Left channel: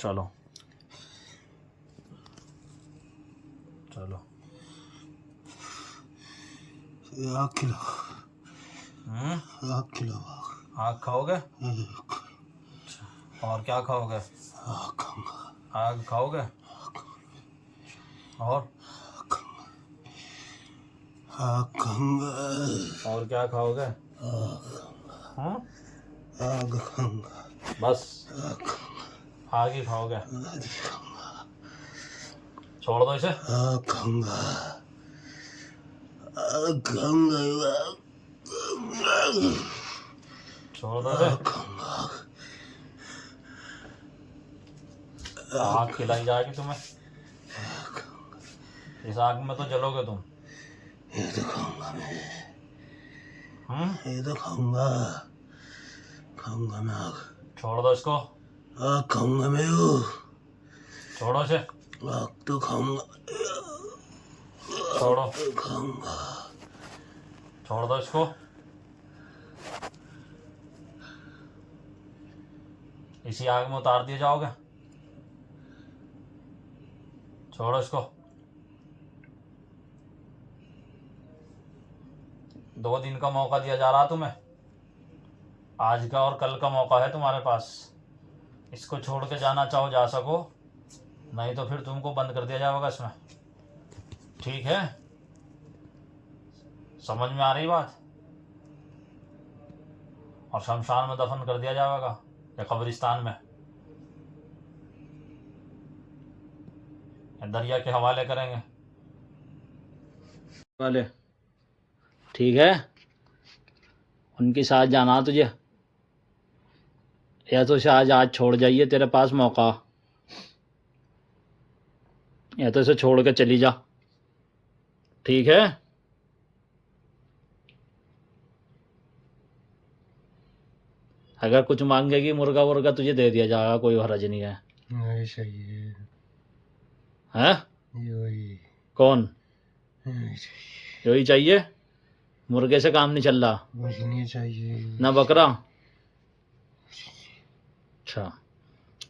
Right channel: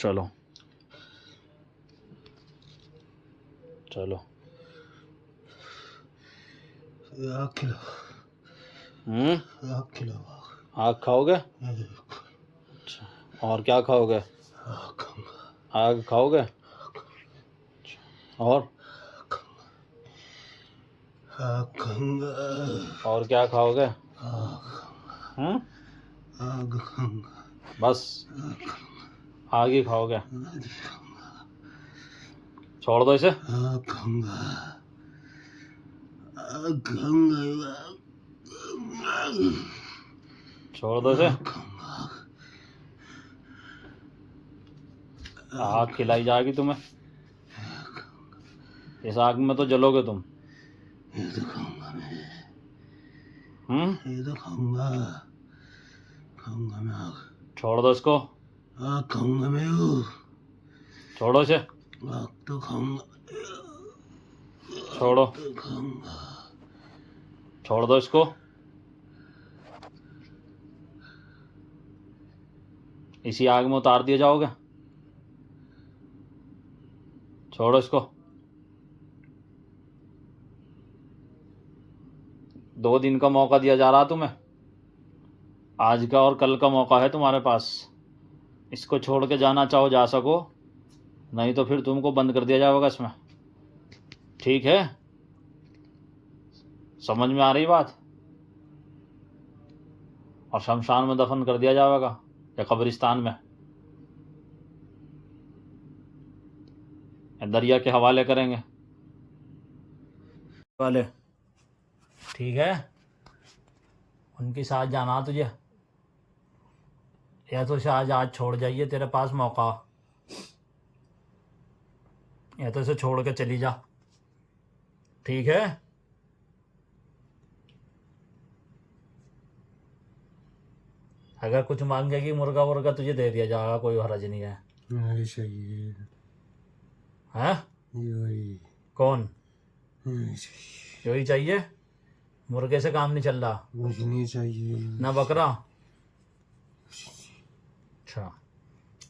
चलो चलो। आग खिलो, आग खिलो। आग खाओगे? आग अच्छा, और क्या खाओगे? खाऊंगा, आग खाओगे? और आग खाऊंगा, और क्या खाओगे? आग खाऊंगा, बस आग ही खाओगे? छोड़ दो इसे। आग खाऊंगा, आग खाऊंगा, छोड़ दो इसे। आग खाऊंगा। आग खिलाई जाएगी तुम्हें। इस आग में तो जलोगे तुम। ये तो खाऊंगा मैं, ये तो खाऊंगा, खाऊंगा मैं आग। छोड़ दो इसको। आग खाऊंगा मैं, वो छोड़ो इसे। आग तो खाऊंगा, छोड़ो, तो खाऊंगा। छोड़ दो इसको। इसी आग में उतार दिए जाओगे। छोड़ो इसको। 2 दिन का मौका दिया जा रहा तुम्हें। आज का और कल का मौका है तुम्हारे पास। इसको छोड़ के जाना चाहो जा सको, नहीं तो फिर तुमको बंद कर दिया जाएगा इसमें। ठीक है? समझ में आ रही बात? और शमशान में दफन कर दिया जाएगा या कब्रिस्तान में, या दरिया के हवाले करेंगे वाले। ठीक है? उनके साथ जाना तुझे, या तो इसे आज छोड़ जाइए, तेरे पास मौका, या तो इसे छोड़ के चली जा। ठीक है? अगर कुछ मांगेगी मुर्गा वुर्गा तुझे दे दिया जाएगा, कोई हर्ज नहीं है। नहीं चाहिए, हैं? यही कौन? नहीं चाहिए, यही चाहिए? मुर्गे से काम नहीं चल रहा मुझे नहीं चाहिए ना बकरा। अच्छा,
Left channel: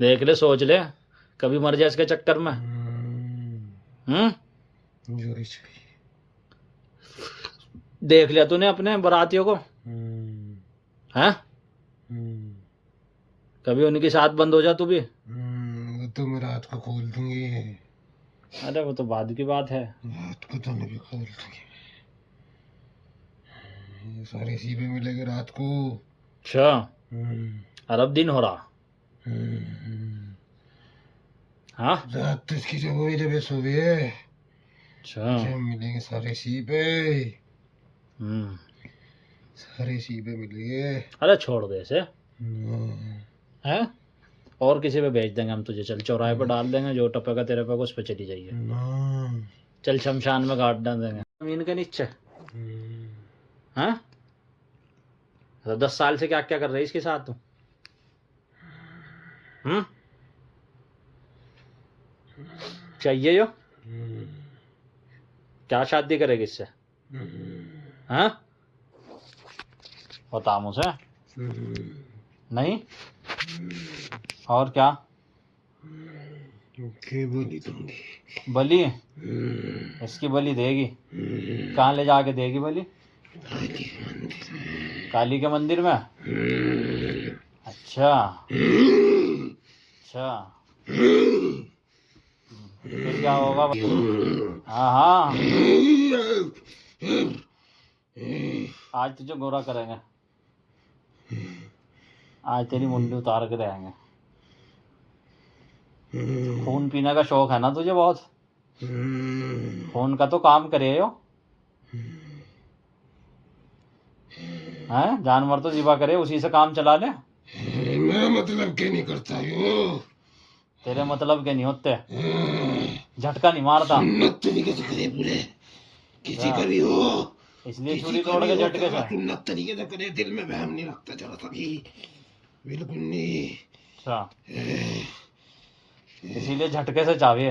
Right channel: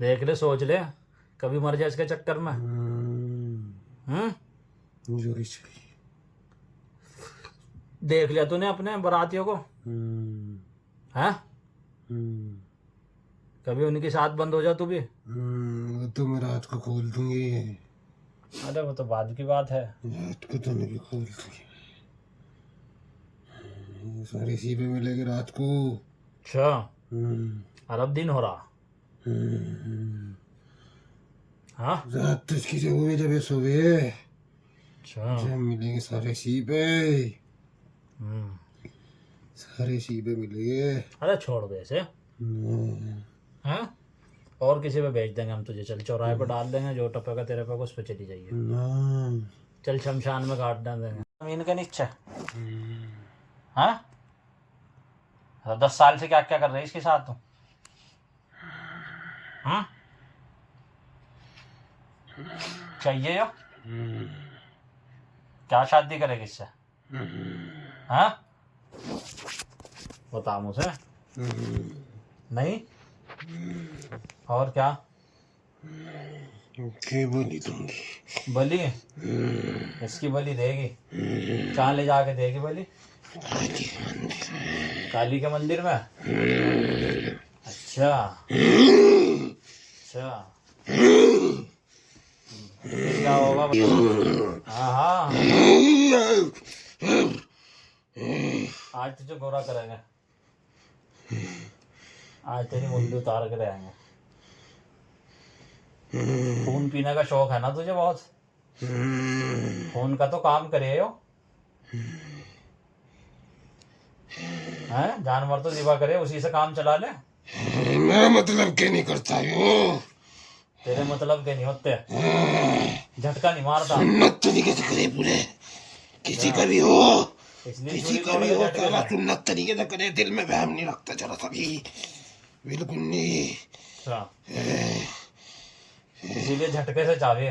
देख ले, सोच ले, कभी मर जाए इसके चक्कर में। यही चाहिए। देख लिया तूने अपने बरातियों को? हैं? कभी उनके साथ बंद हो जा तू भी। वो तो मैं रात को खोल दूंगी। अरे वो तो बाद की बात है। रात को तो नहीं खोल दूंगी, ये सारे सीपे मिलेंगे रात को। अच्छा, अरब दिन हो रहा। हाँ, रात तो इसकी जब हुई, जब ये सोए, अच्छा। जब मिलेंगे सारे सीपे, सारे सीपे मिलेंगे। अरे छोड़ दे इसे। हैं? और किसी पे भेज देंगे हम तुझे। चल चौराहे पे डाल देंगे, जो टपेगा तेरे पे उस पे चली जाइए। चल शमशान में गाड़ डाल देंगे जमीन के नीचे। हाँ, तो 10 साल से क्या क्या कर रही है इसके साथ तू? चाहिए यो? क्या शादी करेगी इससे? हाँ, बता मुझे। नहीं? और क्या? बलि दूंगी। बलि? इसकी बलि देगी? कहाँ ले जाके देगी बलि? काली के मंदिर में। अच्छा अच्छा, क्या होगा? हाँ हाँ, आज तुझे गोरा करेंगे। आज तेरी मुंडी उतार के रहेंगे। खून पीने का शौक है ना तुझे बहुत? खून का तो काम करे हो। हैं? जानवर तो जिबा करे, उसी से काम चला ले। मैं मतलब क्या नहीं करता हूँ। तेरे मतलब के नहीं होते, झटका नहीं मारता। सुन्नत तरीके से करे पूरे, किसी का भी हो, किसी का भी हो, सारा सुन्नत तरीके से करे, दिल में वहम नहीं रखता जरा सा भी, बिल्कुल नहीं। अच्छा, इसीलिए झटके से चावे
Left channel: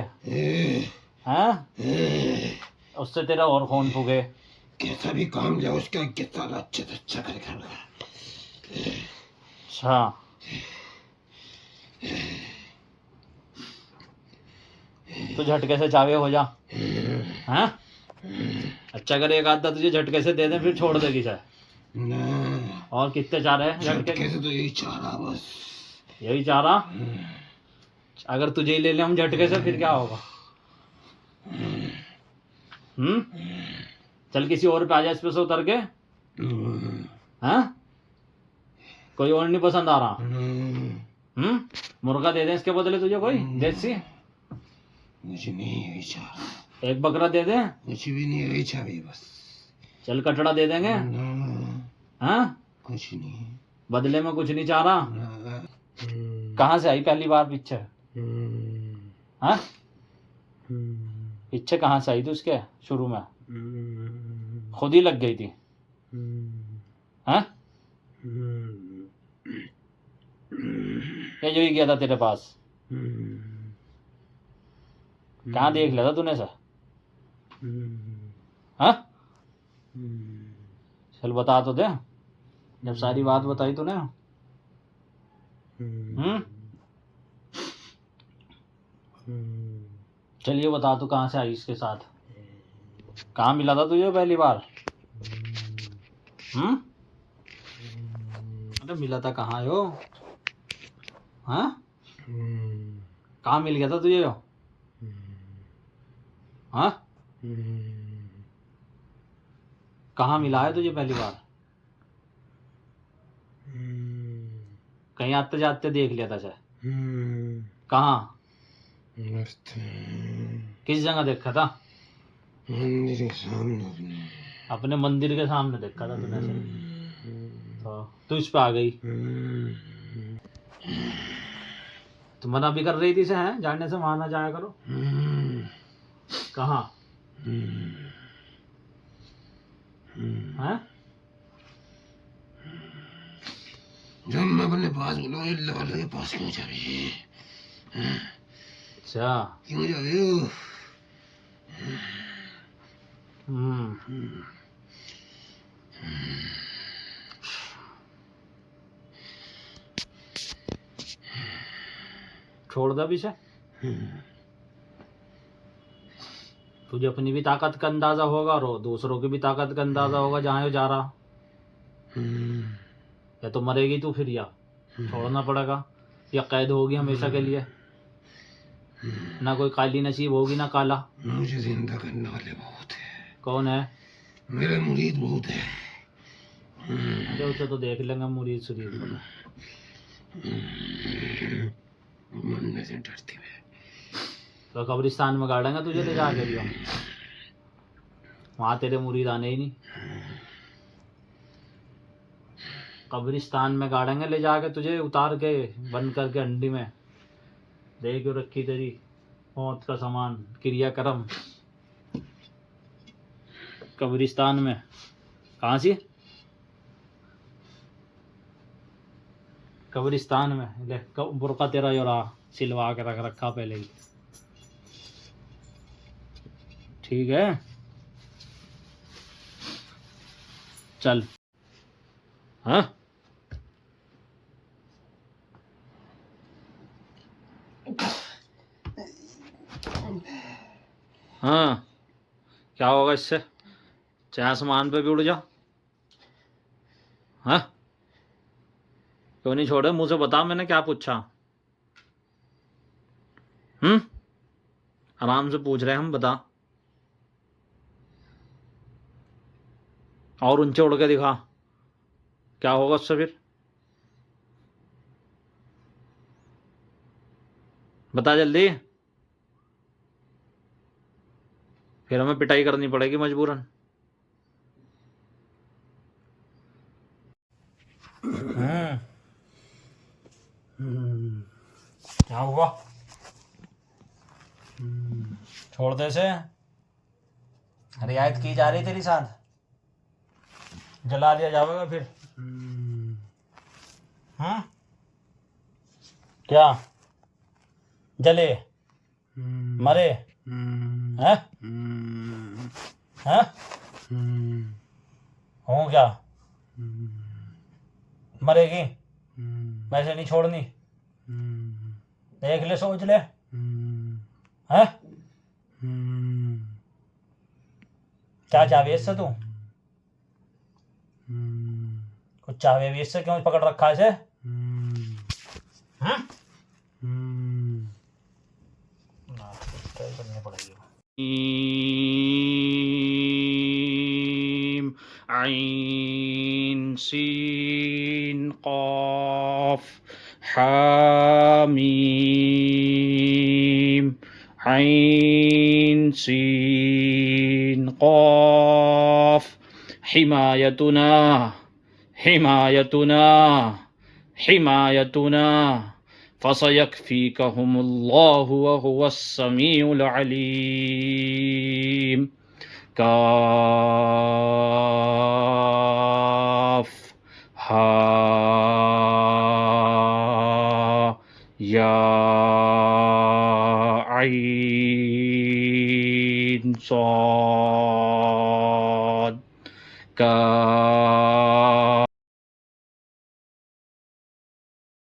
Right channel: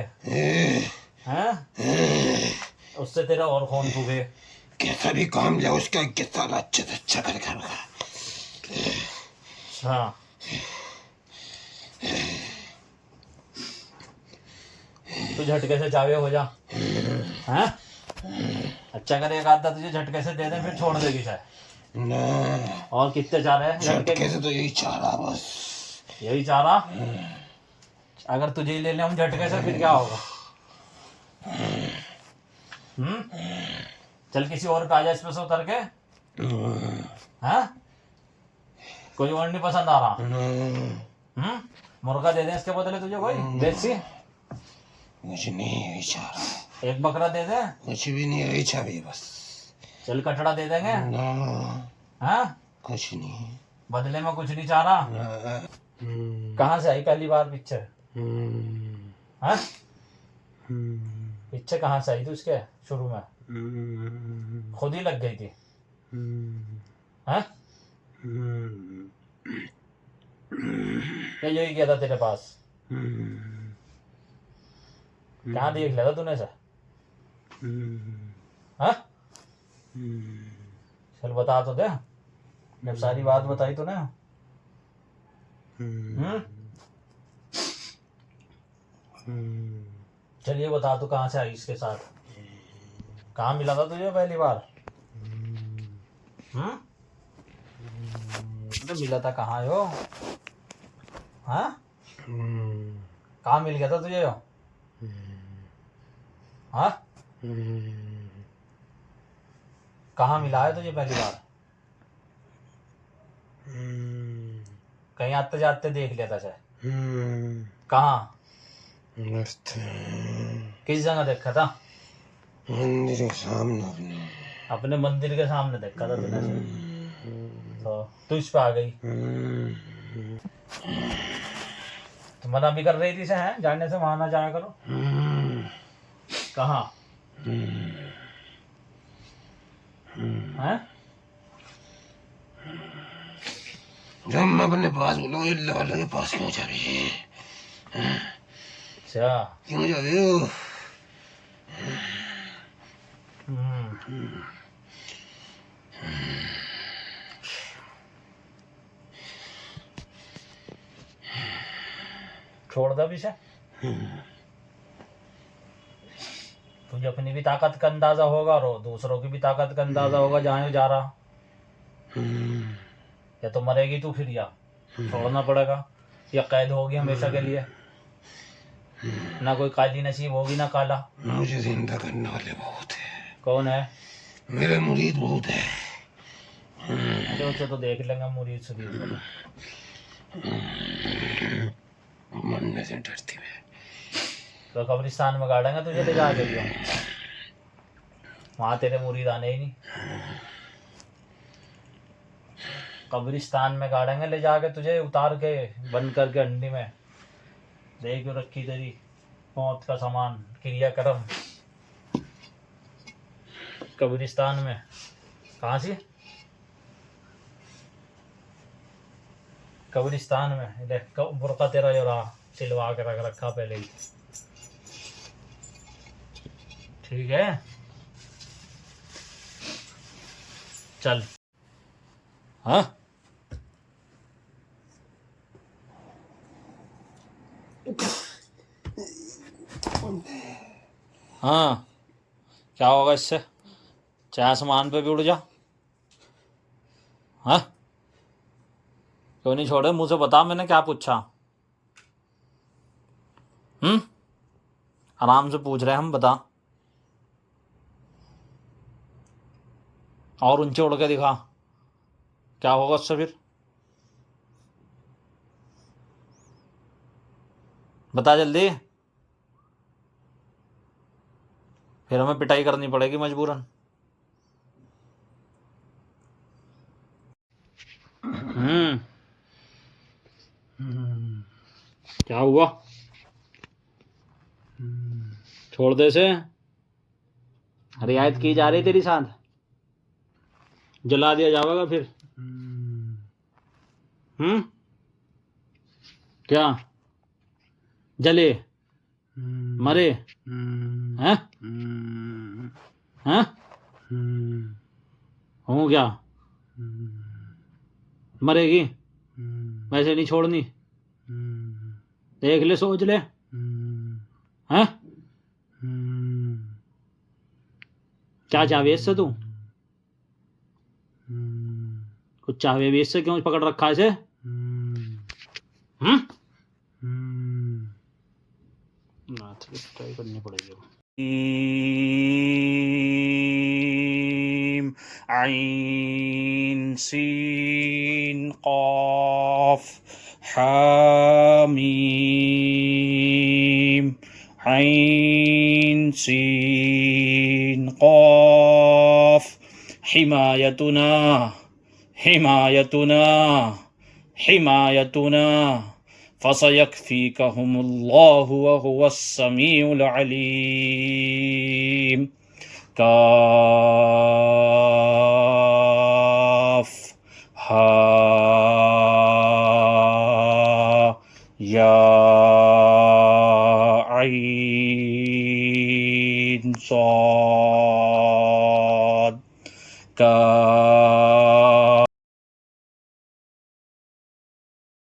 हैं? उससे तेरा और खून फूके। कैसा भी काम जाए उसका साला अच्छे से अच्छा कर घर का। अच्छा, तू झटके से चावे हो जा। हैं? अच्छा अगर एक आधा तुझे झटके से दे दे फिर छोड़ देगी चाय? ना, और कितने चाह रहे हैं झटके से तो यही चाह रहा बस। यही चाह रहा? अगर तुझे ही ले ले हम झटके से फिर क्या होगा? चल किसी और पे आ जा इस पे से उतर के। हाँ? कोई और नहीं पसंद आ रहा? मुर्गा दे दे इसके बदले तुझे कोई देसी? कुछ नहीं, यही चाह रहा है। एक बकरा दे दे? कुछ भी नहीं, यही चाह रही बस। चल कटड़ा दे देंगे। हाँ? कुछ नहीं, बदले में कुछ नहीं चाह रहा? कहाँ से आई पहली बार पिक्चर? हाँ? पिक्चर कहाँ से आई थी उसके शुरू में? खुद ही लग गई थी? हाँ? ये जो ही गया था तेरे पास? कहाँ देख लिया था तूने सर? हाँ? चल बता तो दे, जब सारी बात बताई तूने। चलिए बता तू कहाँ से आई इसके साथ? कहाँ मिला था तुझे पहली बार? अरे मिला था कहाँ यो? हाँ? कहाँ मिल गया था तुझे यो? हाँ? कहाँ मिला है तुझे पहली बार? कहीं आते जाते देख लिया था शायद? कहाँ? मस्त किस जगह देखा था? मंदिर के सामने। अपने मंदिर के सामने देखा था तूने? तो तू इस पे आ गई। तुम मना भी कर रही थी से हैं जाने से, वहां ना जाया करो। कहाँ? हैं? जब मैं अपने पास बोला अल्लाह वाले के पास क्यों जा रही है? अच्छा क्यों जा रही हो? छोड़ दे पीछे। तुझे अपनी भी ताकत का अंदाजा होगा और दूसरों की भी ताकत का अंदाजा होगा जहाँ जा रहा। या तो मरेगी तू फिर, या छोड़ना पड़ेगा, या कैद होगी हमेशा के लिए। ना कोई काली नसीब होगी ना काला। मुझे जिंदा करने वाले बहुत है। कौन है? मेरे मुरीद बहुत है। तो उसे तो देख लेंगे मुरीद सुरीद। मरने से डरती है। तो कब्रिस्तान में गाड़ेंगे तुझे ले जाके लिए, वहां तेरे मुरीद आने ही नहीं। कब्रिस्तान में गाड़ेंगे ले जाके तुझे, उतार के बंद करके अंडी में दे के रखी तेरी मौत का सामान क्रियाक्रम कब्रिस्तान में। कहाँ सी? कब्रिस्तान में। ले बुर्का तेरा जो रहा सिलवा के रख रखा पहले ही। ठीक है चल। हाँ हाँ क्या होगा इससे? चाहे आसमान पे भी उड़ जा। हाँ क्यों नहीं छोड़े? मुझसे बता मैंने क्या पूछा? आराम से पूछ रहे हम, बता। और ऊंचे उड़ के दिखा, क्या होगा उससे फिर? बता जल्दी, फिर हमें पिटाई करनी पड़ेगी मजबूरन। क्या हुआ? छोड़ दे से। रियायत की जा रही तेरी साथ, जला दिया जाएगा फिर। क्या जले मरे? हैं? हैं? हूँ क्या? मरेगी? वैसे नहीं छोड़नी, देख ले सोच ले। हैं? क्या चाहवे इससे तू? कुछ चाहवे भी इससे? क्यों पकड़ रखा है इसे? ना ट्राई करनी पड़ेगी। आइन सीन क़ाफ हामीम आइन सीन क़ाफ हिमायतुना हिमायतुना हिमायतुना फसयकफीकहुमुल्लाहु वहुवस्समीउल अलीम। काफ हा या आइन साद काफ